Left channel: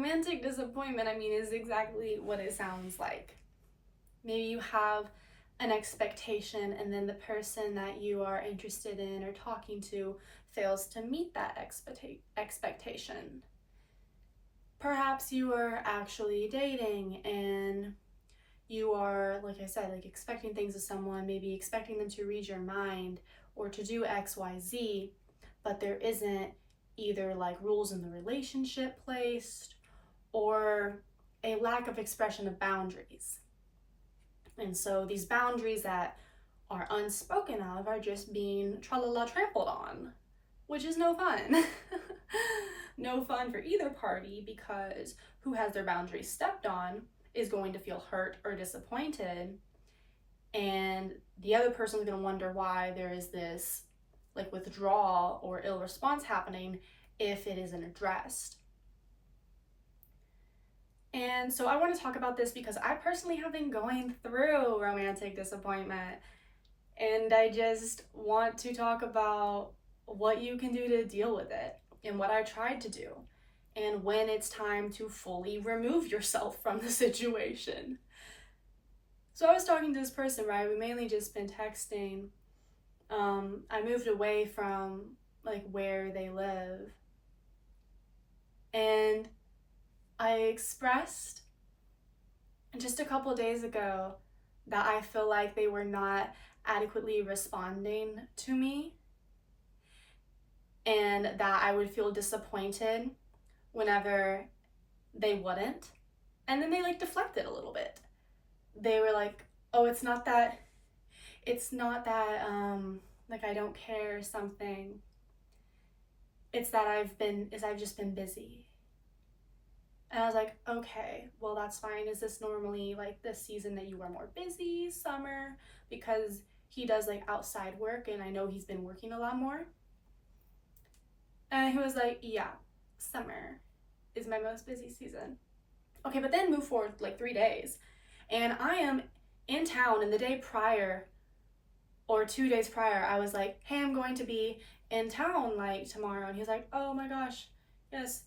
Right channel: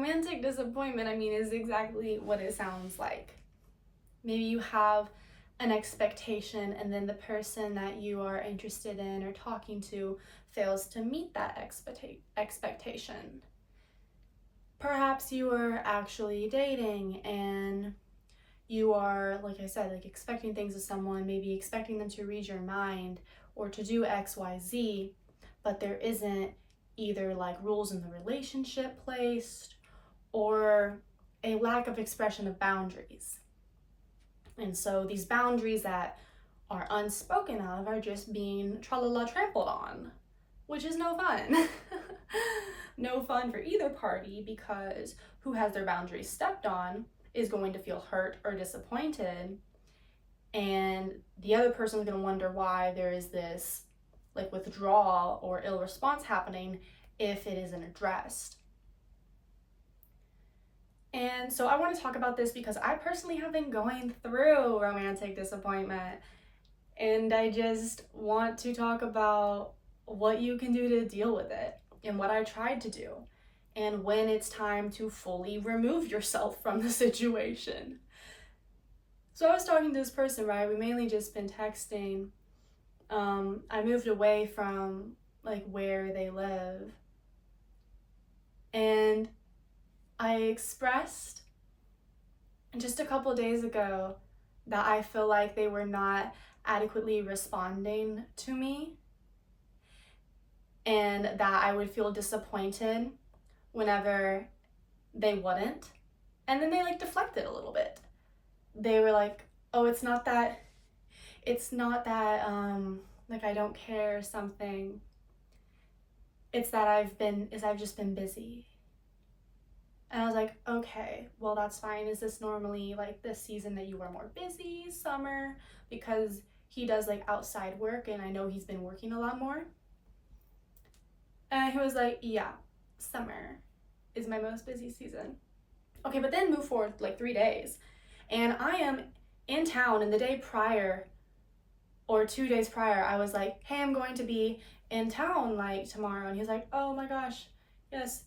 romantic disappointment, I mean, is exactly what it sounds like. Maybe you have an expectation and then the person that you are interested in or talking to fails to meet that expectation. Perhaps you are actually dating and you are, like I said, like expecting things of someone, maybe expecting them to read your mind or to do XYZ, but there isn't either like rules in the relationship placed or a lack of expression of boundaries. And so these boundaries that are unspoken of are just being tra-la-la trampled on, which is no fun. No fun for either party, because who has their boundaries stepped on is going to feel hurt or disappointed, and the other person is going to wonder why there is this like withdrawal or ill response happening if it isn't addressed. And so I want to talk about this because I personally have been going through romantic disappointment, and I just want to talk about what you can do to deal with it and what I tried to do and when it's time to fully remove yourself from the situation. So I was talking to this person, right? We mainly just been texting. I moved away from like where they live, and I expressed just a couple days ago that I feel like they were not adequately responding to me and that I would feel disappointed whenever they wouldn't. And then they like deflected a little bit. They were like, oh, it's not that like I don't care or something. It's that I've just been busy. And I was like, okay, well, that's fine. Is this normally like this season that you are more busy, summer? Because he does like outside work and I know he's been working a lot more. And he was like, yeah, summer is my most busy season. Okay, but then move forward like 3 days. And I am in town, and the day prior or 2 days prior, I was like, hey, I'm going to be in town like tomorrow. And he's like, oh my gosh, yes,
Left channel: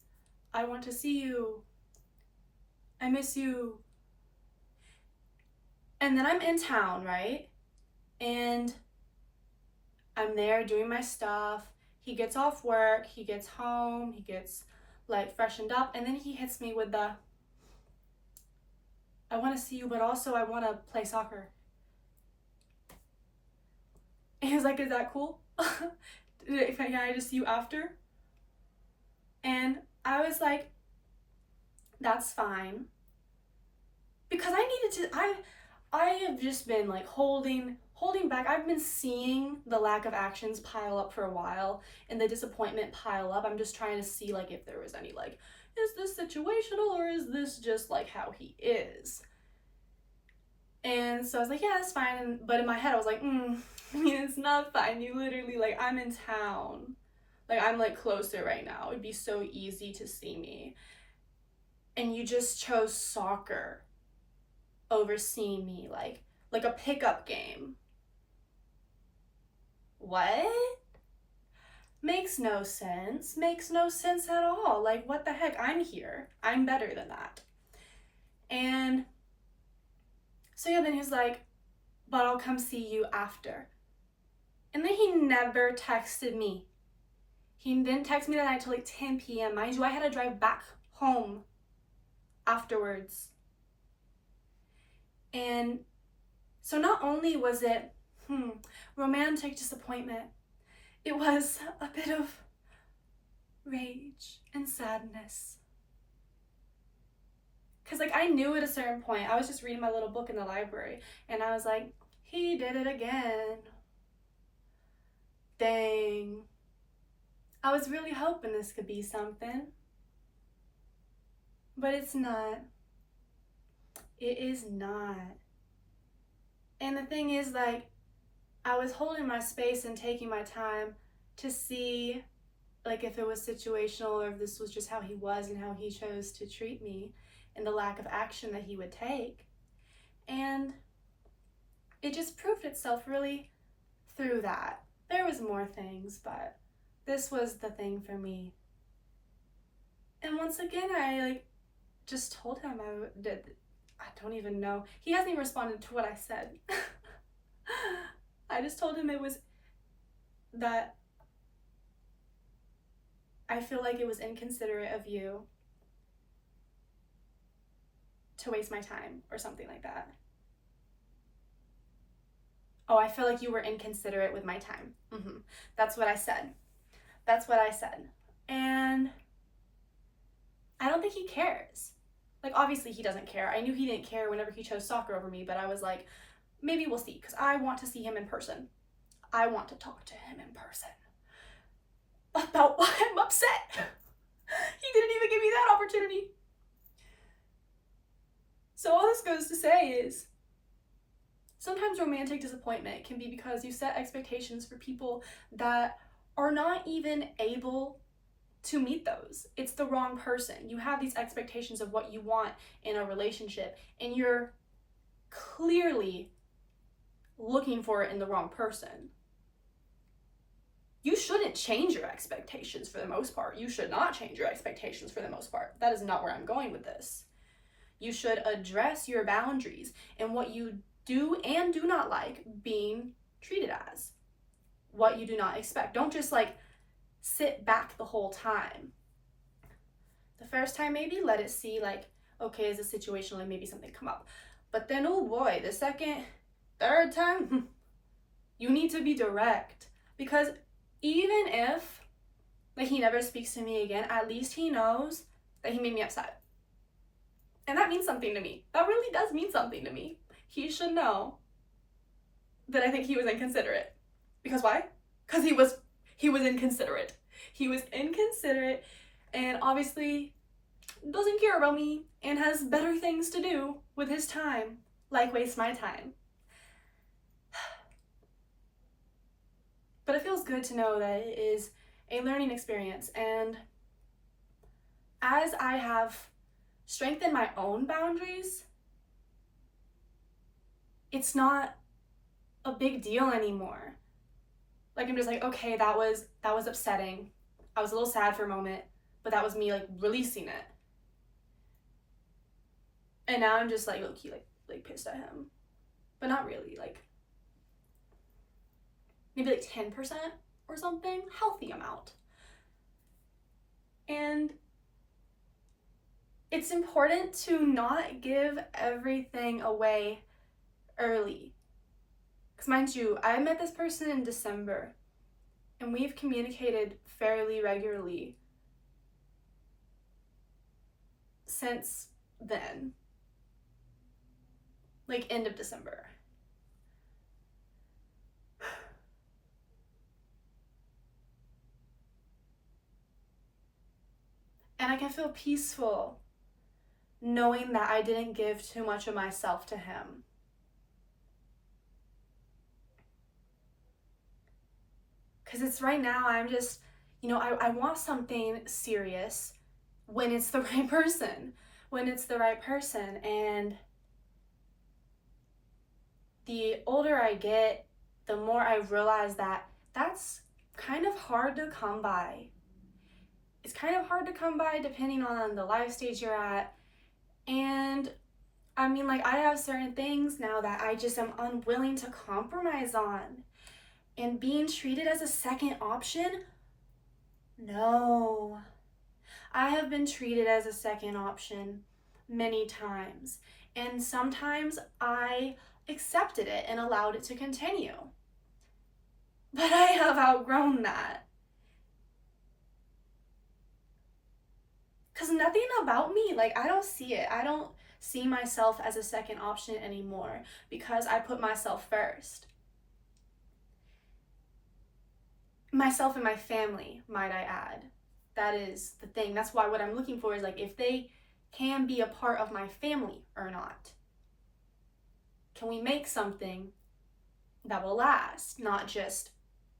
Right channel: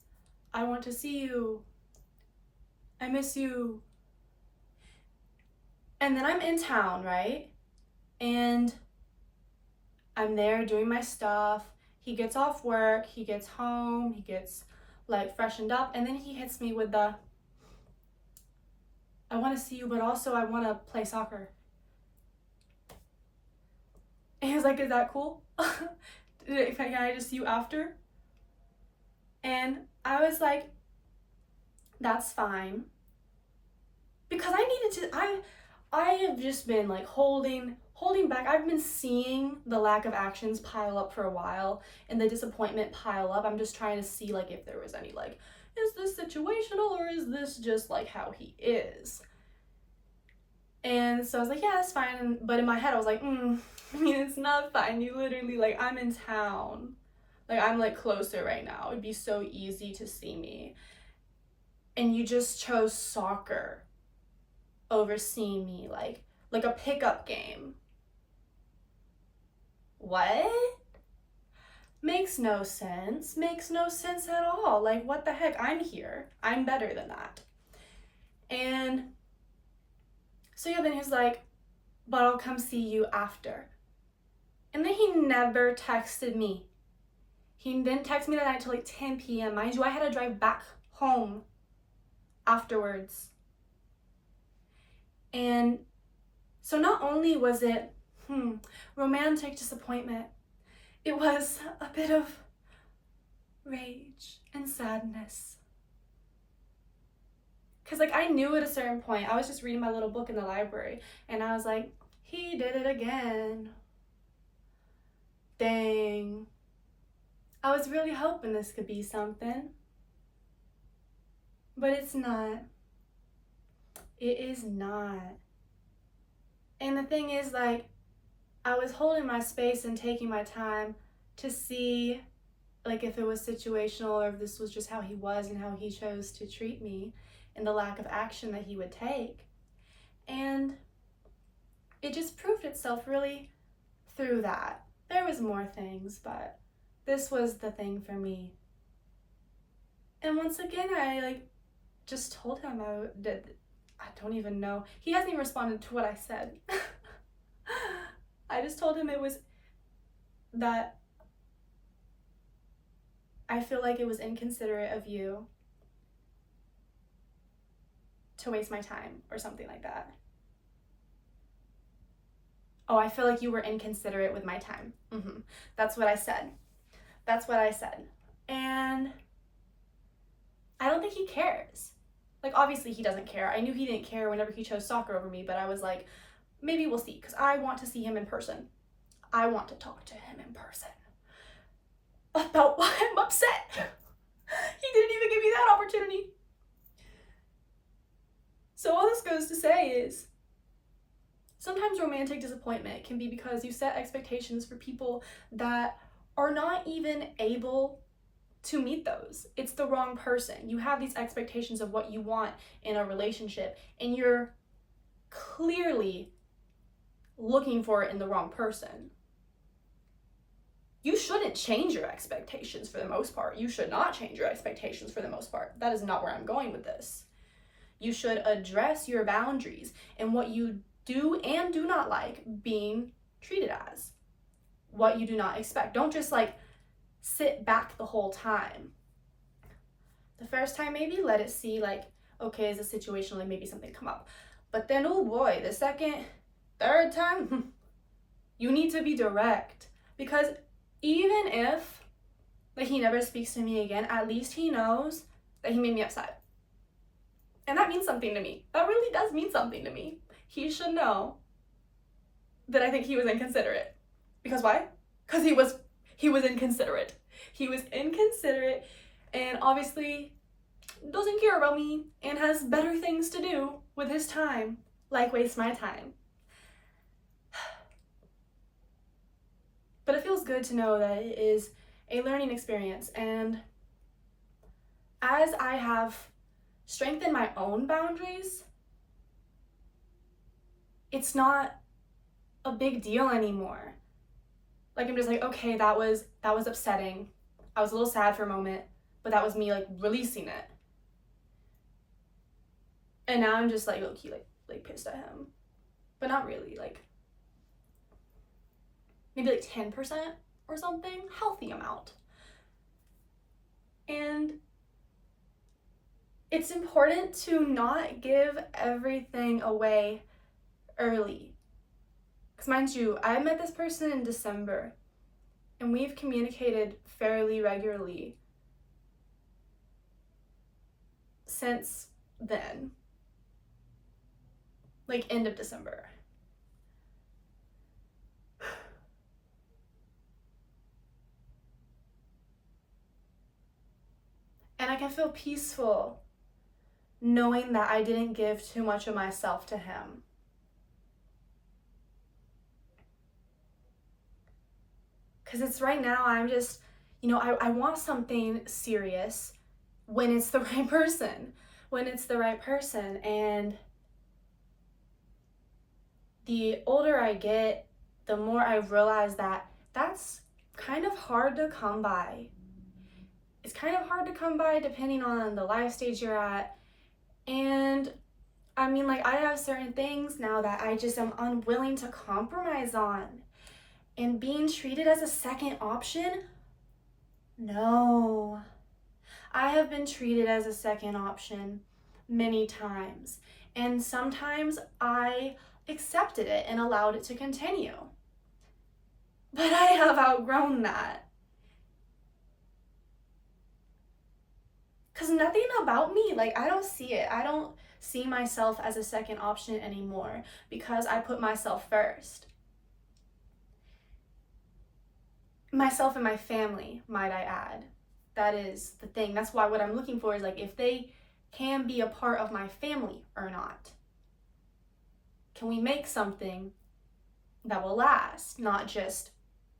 I want to see you. I miss you. And then I'm in town, right? And I'm there doing my stuff. He gets off work, he gets home, he gets like freshened up, and then he hits me with the, I want to see you, but also I want to play soccer. And he was like, is that cool? Can I just see you after? And I was like, that's fine. Because I have just been like holding back. I've been seeing the lack of actions pile up for a while and the disappointment pile up. I'm just trying to see like if there was any like, is this situational or is this just like how he is? And so I was like, yeah, that's fine. But in my head I was like, I mean, it's not fine. You literally, like, I'm in town. Like, I'm like closer right now. It'd be so easy to see me. And you just chose soccer over seeing me, like a pickup game. What? Makes no sense. Makes no sense at all. Like, what the heck? I'm here. I'm better than that. And so yeah, then he was like, but I'll come see you after. And then he never texted me. He didn't text me that night till like 10 p.m. Mind you, I had to drive back home afterwards. And so not only was it romantic disappointment, it was a bit of rage and sadness. Because like I knew at a certain point, I was just reading my little book in the library, and I was like, he did it again. Dang. I was really hoping this could be something. But it's not. It is not. And the thing is, like, I was holding my space and taking my time to see, like, if it was situational or if this was just how he was and how he chose to treat me and the lack of action that he would take. And it just proved itself really through that. There was more things, but this was the thing for me. And once again, I just told him I don't even know. He hasn't even responded to what I said. I just told him it was that I feel like it was inconsiderate of you to waste my time or something like that. Oh, I feel like you were inconsiderate with my time. That's what I said. That's what I said. And I don't think he cares. Like, obviously he doesn't care. I knew he didn't care whenever he chose soccer over me, but I was like, maybe we'll see, because I want to see him in person. I want to talk to him in person about why I'm upset. He didn't even give me that opportunity. So all this goes to say is, sometimes romantic disappointment can be because you set expectations for people that are not even able to meet those. It's the wrong person. You have these expectations of what you want in a relationship, and you're clearly looking for it in the wrong person. You shouldn't change your expectations for the most part. You should not change your expectations for the most part. That is not where I'm going with this. You should address your boundaries and what you do and do not like being treated as, what you do not expect. Don't just like sit back the whole time. The first time, maybe let it see like, okay, is a situation, like maybe something come up. But then, oh boy, the second, third time, you need to be direct. Because even if like he never speaks to me again, at least he knows that he made me upset. And that means something to me. That really does mean something to me. He should know that I think he was inconsiderate. Because why? Because he was inconsiderate. He was inconsiderate and obviously doesn't care about me and has better things to do with his time, like waste my time. But it feels good to know that it is a learning experience, and as I have strengthened my own boundaries, it's not a big deal anymore. Like, I'm just like, okay, that was upsetting. I was a little sad for a moment, but that was me like releasing it. And now I'm just like low-key like pissed at him. But not really, like maybe like 10% or something, healthy amount. And it's important to not give everything away early. Because mind you, I met this person in December and we've communicated fairly regularly since then, like end of December. And I can feel peaceful knowing that I didn't give too much of myself to him. Because it's right now, I'm just, I want something serious when it's the right person. When it's the right person. And the older I get, the more I realize that that's kind of hard to come by. It's kind of hard to come by depending on the life stage you're at. And I mean, like, I have certain things now that I just am unwilling to compromise on. And being treated as a second option? No. I have been treated as a second option many times. And sometimes I accepted it and allowed it to continue. But I have outgrown that. Because nothing about me, like, I don't see it. I don't see myself as a second option anymore because I put myself first. Myself and my family, might I add. That is the thing. That's why what I'm looking for is like if they can be a part of my family or not. Can we make something that will last, not just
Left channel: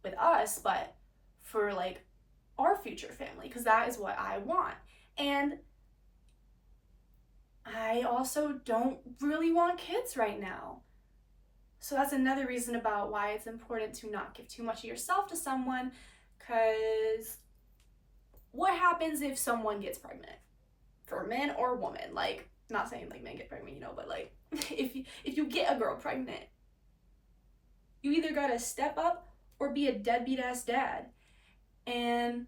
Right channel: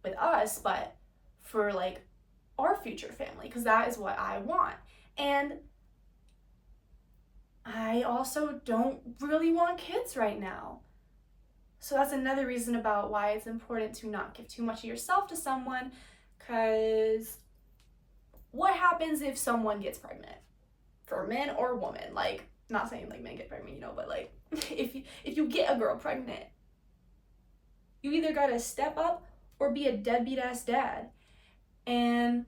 with us, but for like our future family, because that is what I want. And I also don't really want kids right now. So that's another reason about why it's important to not give too much of yourself to someone, because what happens if someone gets pregnant? for men or women. Like, not saying like men get pregnant, you know, but like if you get a girl pregnant, you either gotta step up or be a deadbeat ass dad. And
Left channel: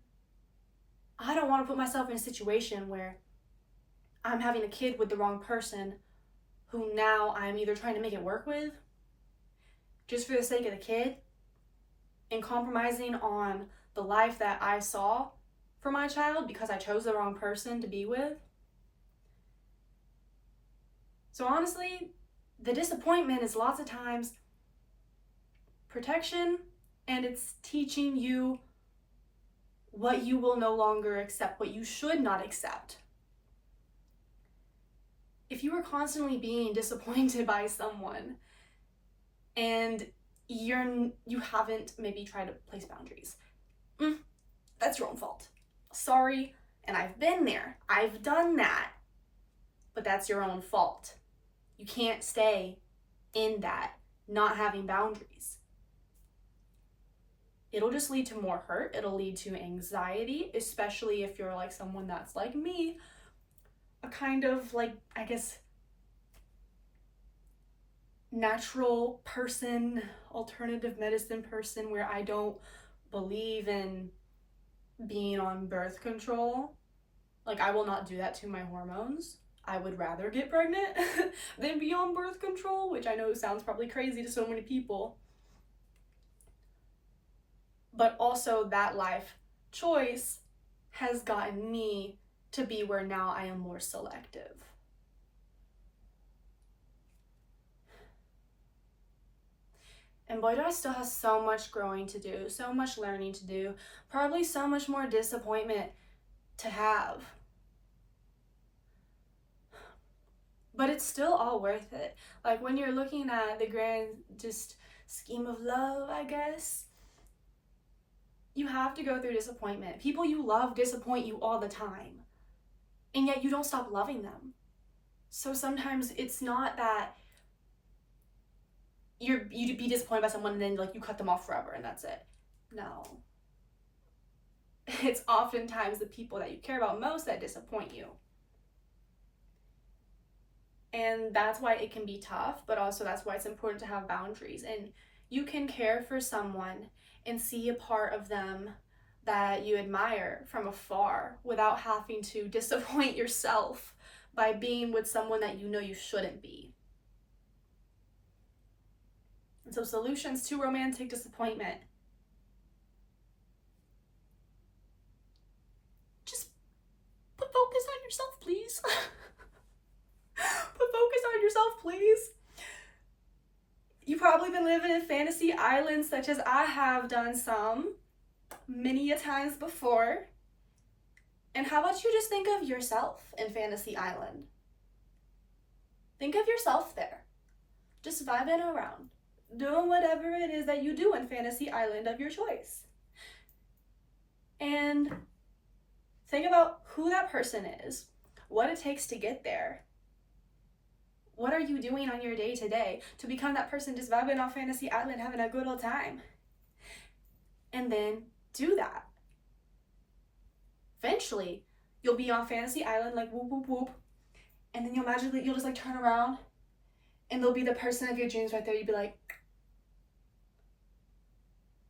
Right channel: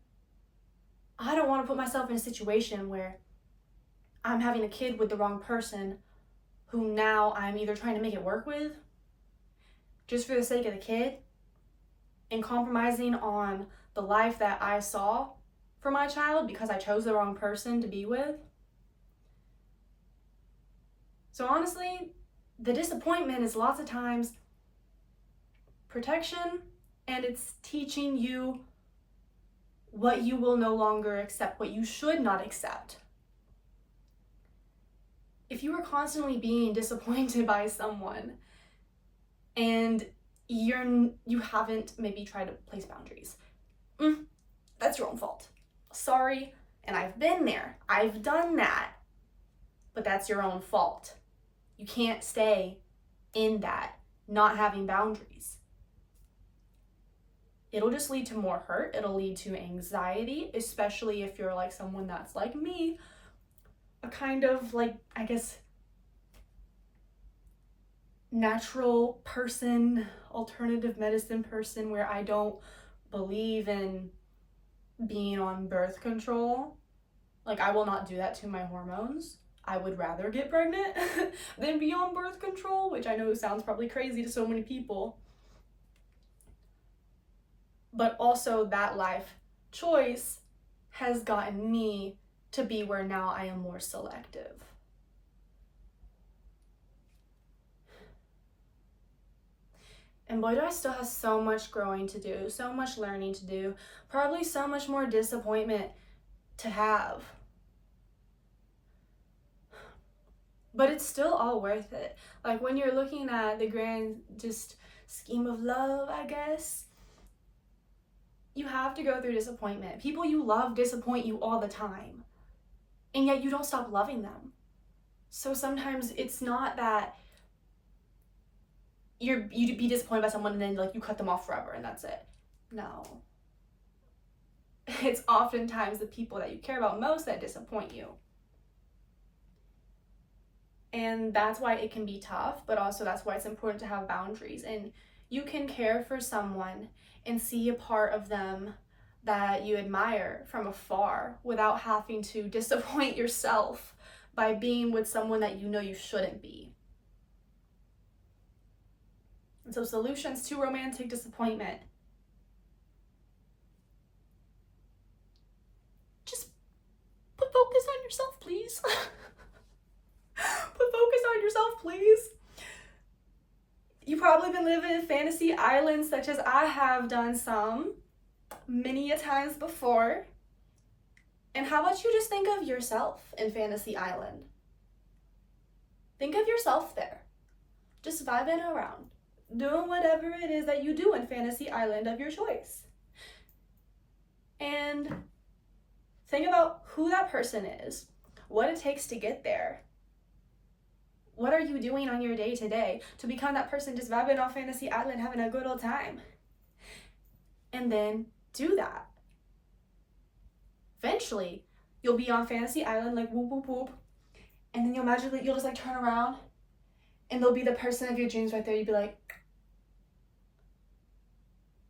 I don't want to put myself in a situation where I'm having a kid with the wrong person who now I'm either trying to make it work with just for the sake of the kid and compromising on the life that I saw for my child because I chose the wrong person to be with. So honestly, the disappointment is lots of times protection, and it's teaching you what you will no longer accept, what you should not accept. If you are constantly being disappointed by someone and you haven't maybe tried to place boundaries, that's your own fault. Sorry, and I've been there. I've done that. But that's your own fault. You can't stay in that, not having boundaries. It'll just lead to more hurt. It'll lead to anxiety, especially if you're like someone that's like me, a kind of like, I guess, natural person, alternative medicine person, where I don't believe in being on birth control. Like, I will not do that to my hormones. I would rather get pregnant than be on birth control, which I know sounds probably crazy to so many people. But also that life choice has gotten me to be where now I am more selective. And boy, do I still have so much growing to do, so much learning to do, probably so much more disappointment to have. But it's still all worth it. Like, when you're looking at the grand just scheme of love, I guess, you have to go through disappointment. People you love disappoint you all the time, and yet you don't stop loving them. So sometimes it's not that you'd be disappointed by someone and then like you cut them off forever and that's it. No. It's oftentimes the people that you care about most that disappoint you. And that's why it can be tough, but also that's why it's important to have boundaries. And you can care for someone and see a part of them that you admire from afar without having to disappoint yourself by being with someone that you know you shouldn't be. And so, solutions to romantic disappointment. Just put focus on yourself, please. Put focus on yourself, please. You've probably been living in fantasy islands such as I have done some many a times before. And how about you just think of yourself in fantasy island? Think of yourself there. Just vibing around, doing whatever it is that you do in fantasy island of your choice. And think about who that person is, what it takes to get there. What are you doing on your day to day to become that person just vibing on fantasy island, having a good old time? And then do that. Eventually, you'll be on fantasy island like whoop, whoop, whoop. And then you'll just like turn around and there'll be the person of your dreams right there. You'd be like,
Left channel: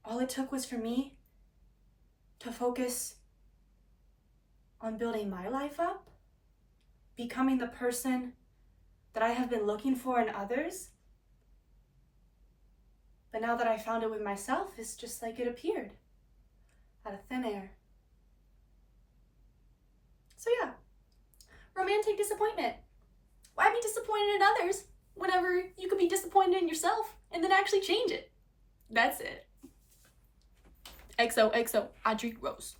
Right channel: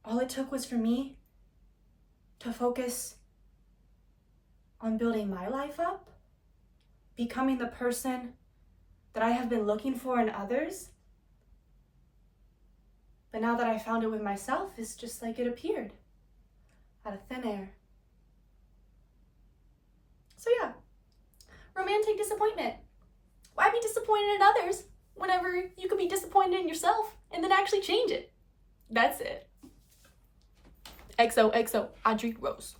all it took was for me to focus on building my life up, becoming the person that I have been looking for in others. But now that I found it with myself, it's just like it appeared out of thin air. So yeah, romantic disappointment. Why be disappointed in others whenever you could be disappointed in yourself and then actually change it? That's it. XOXO, Audrey Rose.